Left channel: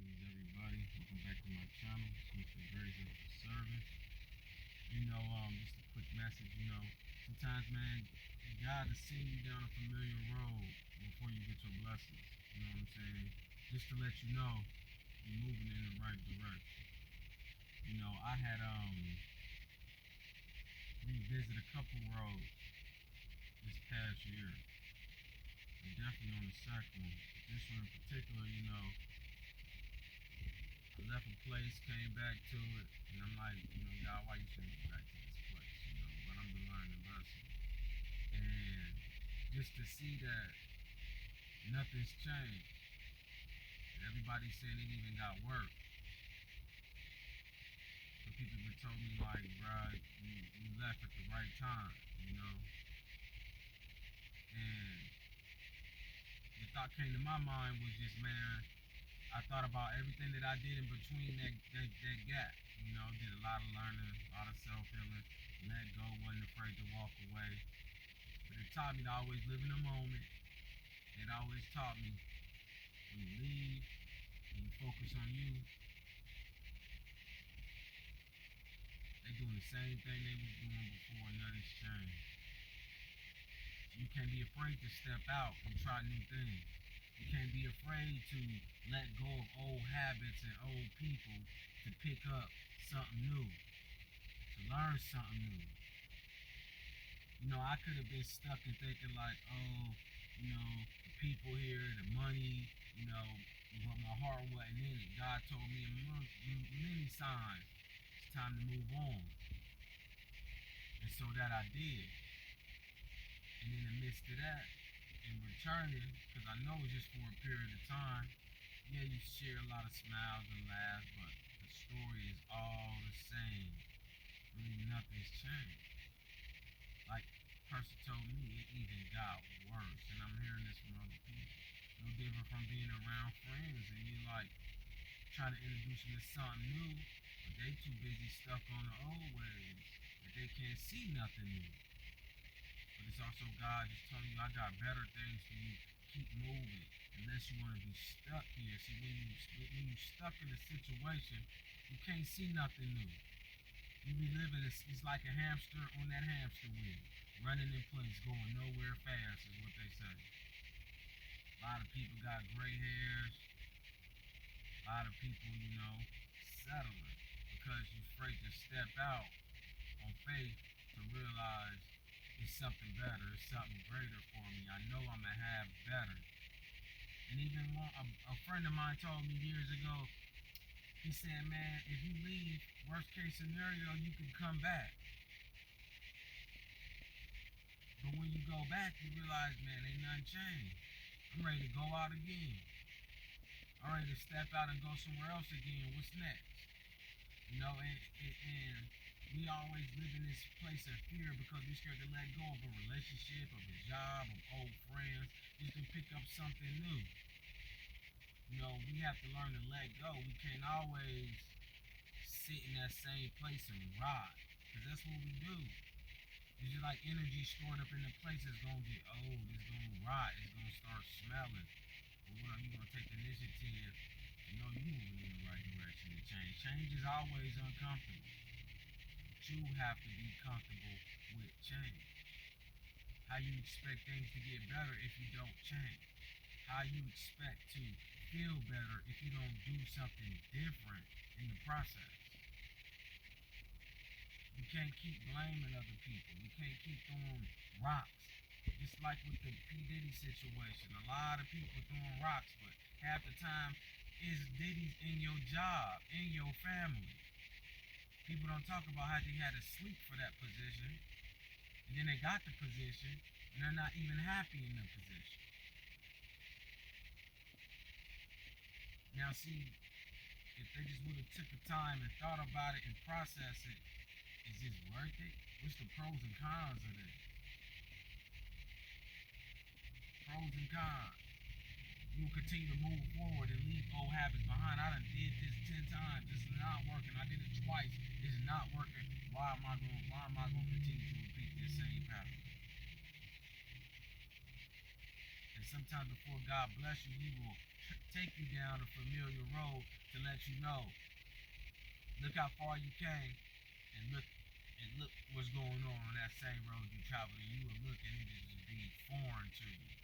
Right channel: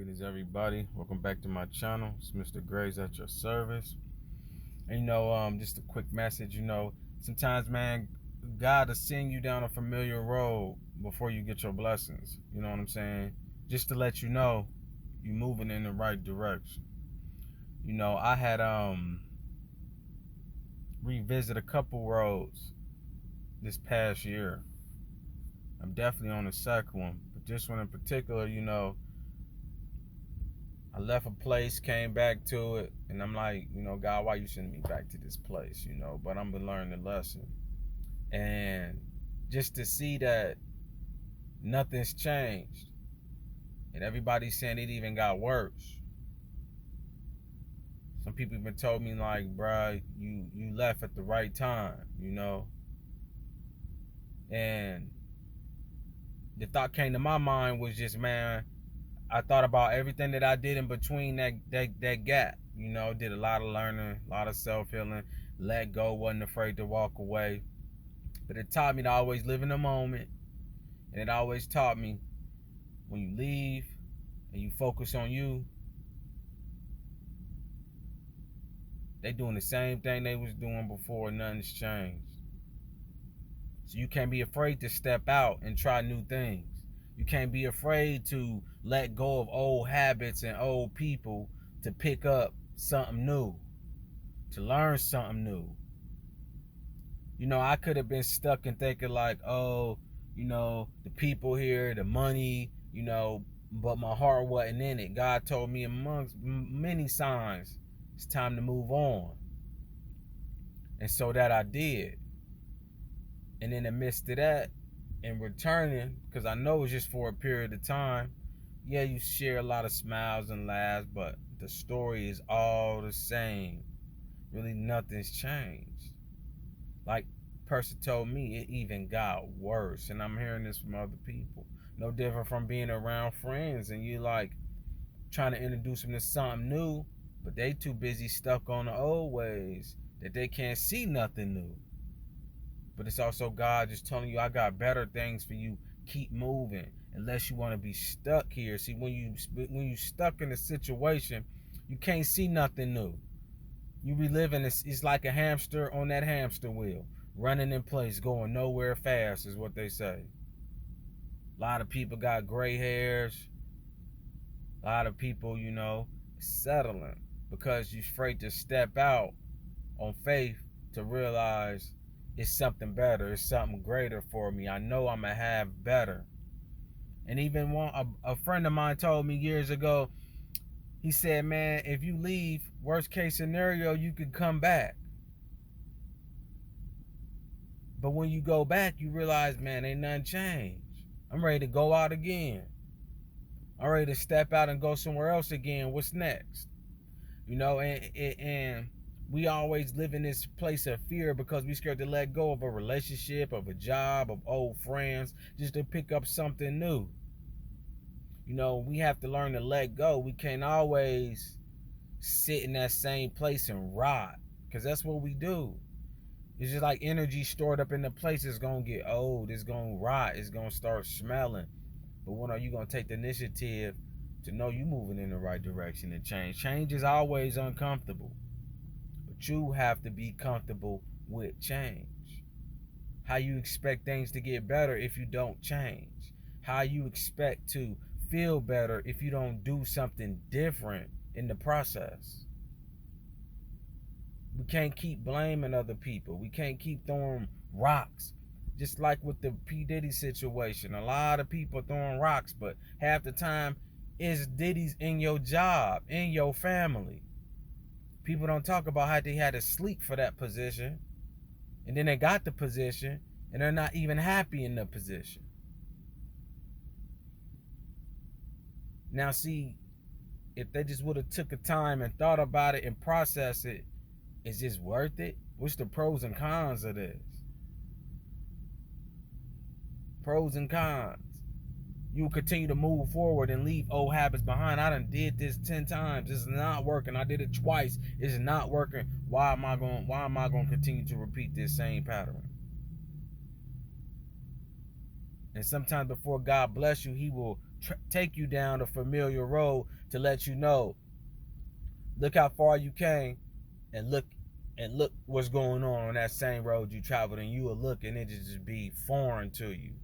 Greetings, everybody. Welcome back to my channel. It's Mr. Graves at your service. And just a quick message. Sometimes, man, God will send you down a familiar road before you get your blessings. You know what I'm saying? Just to let you know you're moving in the right direction. I had revisit a couple roads this past year. I'm definitely on the second one, but this one in particular, I left a place, came back to it, and I'm like, God, why you sending me back to this place, But I'm been learning the lesson. And just to see that nothing's changed, and everybody's saying it even got worse. Some people even told me like, bruh, you left at the right time, And the thought came to my mind was just, man, I thought about everything that I did in between that gap. Did a lot of learning, a lot of self-healing, let go, wasn't afraid to walk away. But it taught me to always live in the moment. And it always taught me when you leave and you focus on you, they doing the same thing they was doing before, nothing's changed. So you can't be afraid to step out and try new things. You can't be afraid to let go of old habits and old people to pick up something new, to learn something new. I could have been stuck in thinking like, oh, the people here, the money, but my heart wasn't in it. God told me amongst many signs, it's time to move on. And so that I did. And in the midst of that, and returning, because I know it's just for a period of time, yeah, you share a lot of smiles and laughs, but the story is all the same. Really nothing's changed. Like person told me, it even got worse. And I'm hearing this from other people. No different from being around friends and you like trying to introduce them to something new, but they too busy stuck on the old ways that they can't see nothing new. But it's also God just telling you, I got better things for you. Keep moving, unless you want to be stuck here. See, when you stuck in a situation, you can't see nothing new. You reliving it's like a hamster on that hamster wheel, running in place, going nowhere fast, is what they say. A lot of people got gray hairs. A lot of people, settling because you're afraid to step out on faith to realize it's something better, it's something greater for me. I know I'm gonna have better. And even a friend of mine told me years ago, he said, man, if you leave, worst case scenario, you could come back. But when you go back, you realize, man, ain't nothing changed. I'm ready to go out again. I'm ready to step out and go somewhere else again. What's next? And we always live in this place of fear because we scared to let go of a relationship, of a job, of old friends, just to pick up something new. We have to learn to let go. We can't always sit in that same place and rot, because that's what we do. It's just like energy stored up in the place. It's gonna get old, it's gonna rot, it's gonna start smelling. But when are you gonna take the initiative to know you're moving in the right direction and change? Change is always uncomfortable, but you have to be comfortable with change. How you expect things to get better if you don't change? How you expect to feel better if you don't do something different in the process? We can't keep blaming other people. We can't keep throwing rocks. Just like with the P. Diddy situation. A lot of people throwing rocks, but half the time it's Diddy's in your job, in your family. People don't talk about how they had to sleep for that position. And then they got the position and they're not even happy in the position. Now see, if they just would have took the time and thought about it and processed it, is this worth it? What's the pros and cons of this? Pros and cons. You will continue to move forward and leave old habits behind. I done did this 10 times. It's not working. I did it twice. It's not working. Why am I going to continue to repeat this same pattern? And sometimes before God bless you, he will take you down the familiar road to let you know, look how far you came, and look what's going on that same road you traveled, and you will look and it just be foreign to you.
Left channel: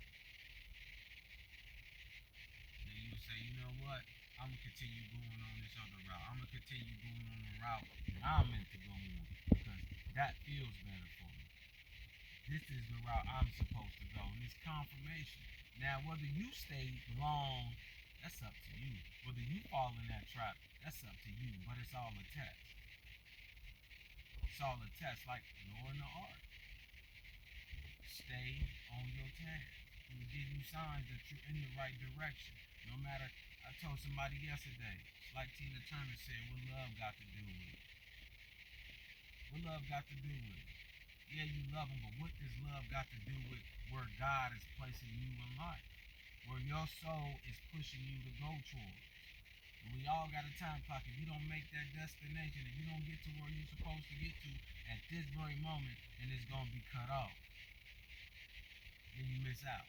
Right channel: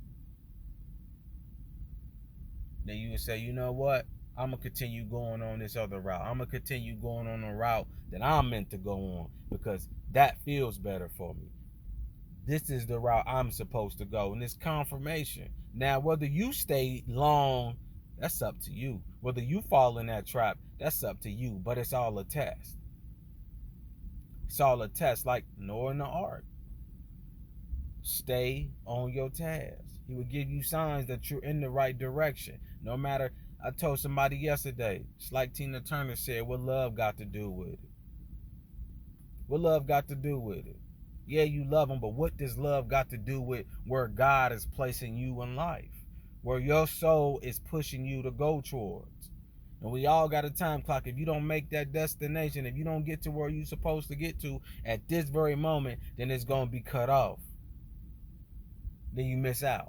Then you would say, you know what? I'm gonna continue going on this other route. I'm gonna continue going on the route that I'm meant to go on because that feels better for me. This is the route I'm supposed to go, and it's confirmation. Now, whether you stay long, that's up to you. Whether you fall in that trap, that's up to you. But it's all a test. It's all a test, like Noah in the ark. Stay on your task. He will give you signs that you're in the right direction. No matter, I told somebody yesterday, it's like Tina Turner said, what love got to do with it? What love got to do with it? Yeah, you love him, but what does love got to do with where God is placing you in life? Where your soul is pushing you to go towards? And we all got a time clock. If you don't make that destination, if you don't get to where you're supposed to get to at this very moment, then it's going to be cut off. Then you miss out.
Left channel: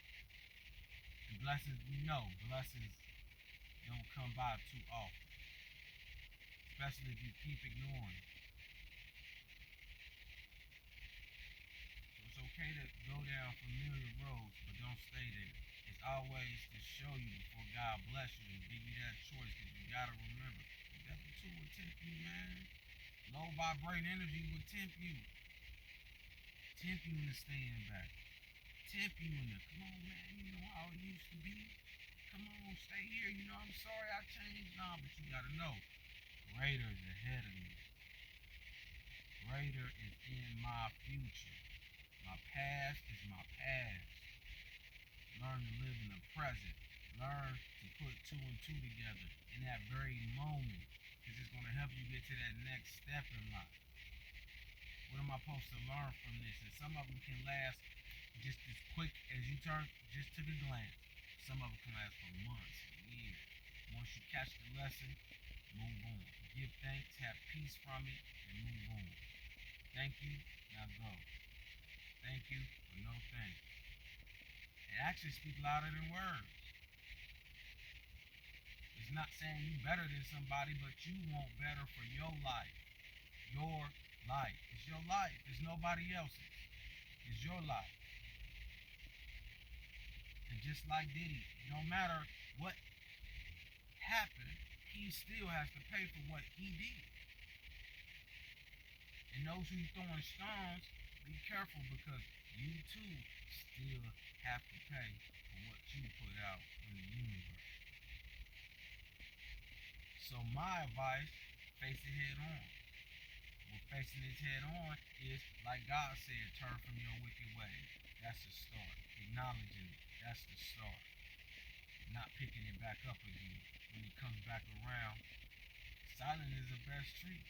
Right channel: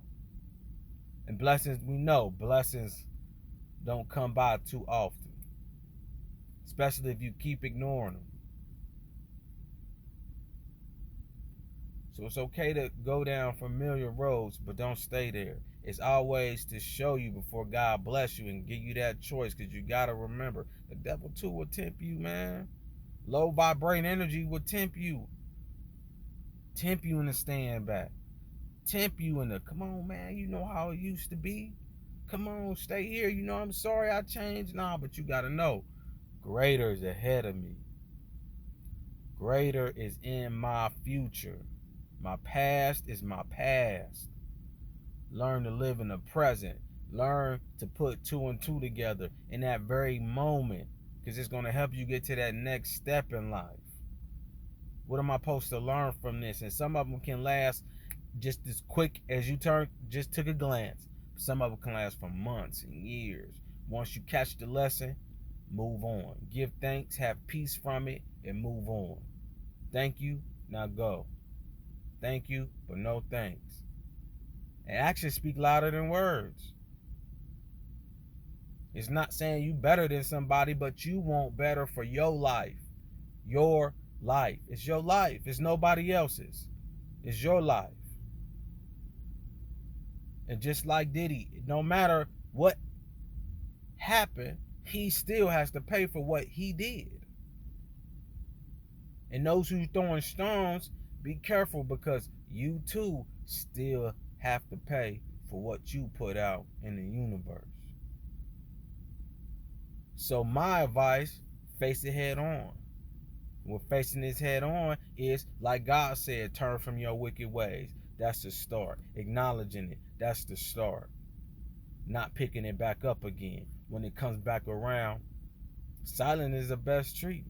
And blessings, we know blessings don't come by too often, especially if you keep ignoring them. So it's okay to go down familiar roads, but don't stay there. It's always to show you before God bless you and give you that choice, because you got to remember, the devil too will tempt you, man. Low vibrating energy will tempt you. Tempt you into staying back. Tempt you into, come on, man, you know how it used to be. Come on, stay here. You know, I'm sorry I changed. Nah, but you got to know, greater is ahead of me. Greater is in my future. My past is my past. Learn to live in the present. Learn to put two and two together in that very moment, because it's going to help you get to that next step in life. What am I supposed to learn from this? And some of them can last just as quick as you just took a glance. Some of them can last for months and years. Once you catch the lesson, move on. Give thanks, have peace from it, and move on. Thank you, now go. Thank you, but no thanks. And actions speak louder than words. It's not saying you better than somebody, but you want better for your life. Your life. It's your life. It's nobody else's. It's your life. And just like Diddy, no matter what happened, he still has to pay for what he did. And those who throwing stones, be careful, because you too still have to pay for what you put out in the universe. So my advice, face it head on. What facing this head on is, like God said, turn from your wicked ways. That's the start. Acknowledging it, that's the start. Not picking it back up again. When it comes back around, silence is the best treatment.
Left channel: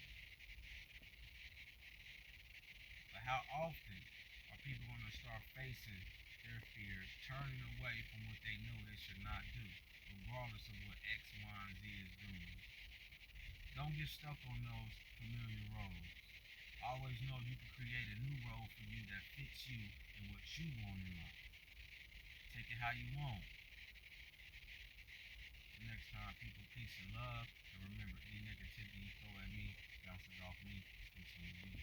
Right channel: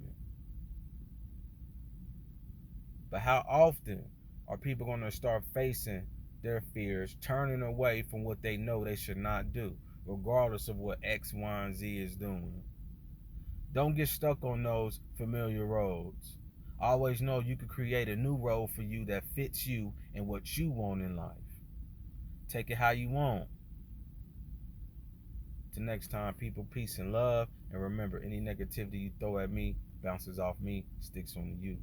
But how often are people going to start facing their fears, turning away from what they know they should not do, regardless of what X, Y, and Z is doing? Don't get stuck on those familiar roads. Always know you can create a new road for you that fits you and what you want in life. Take it how you want. Till next time, people, peace and love. And remember, any negativity you throw at me bounces off me, sticks on you.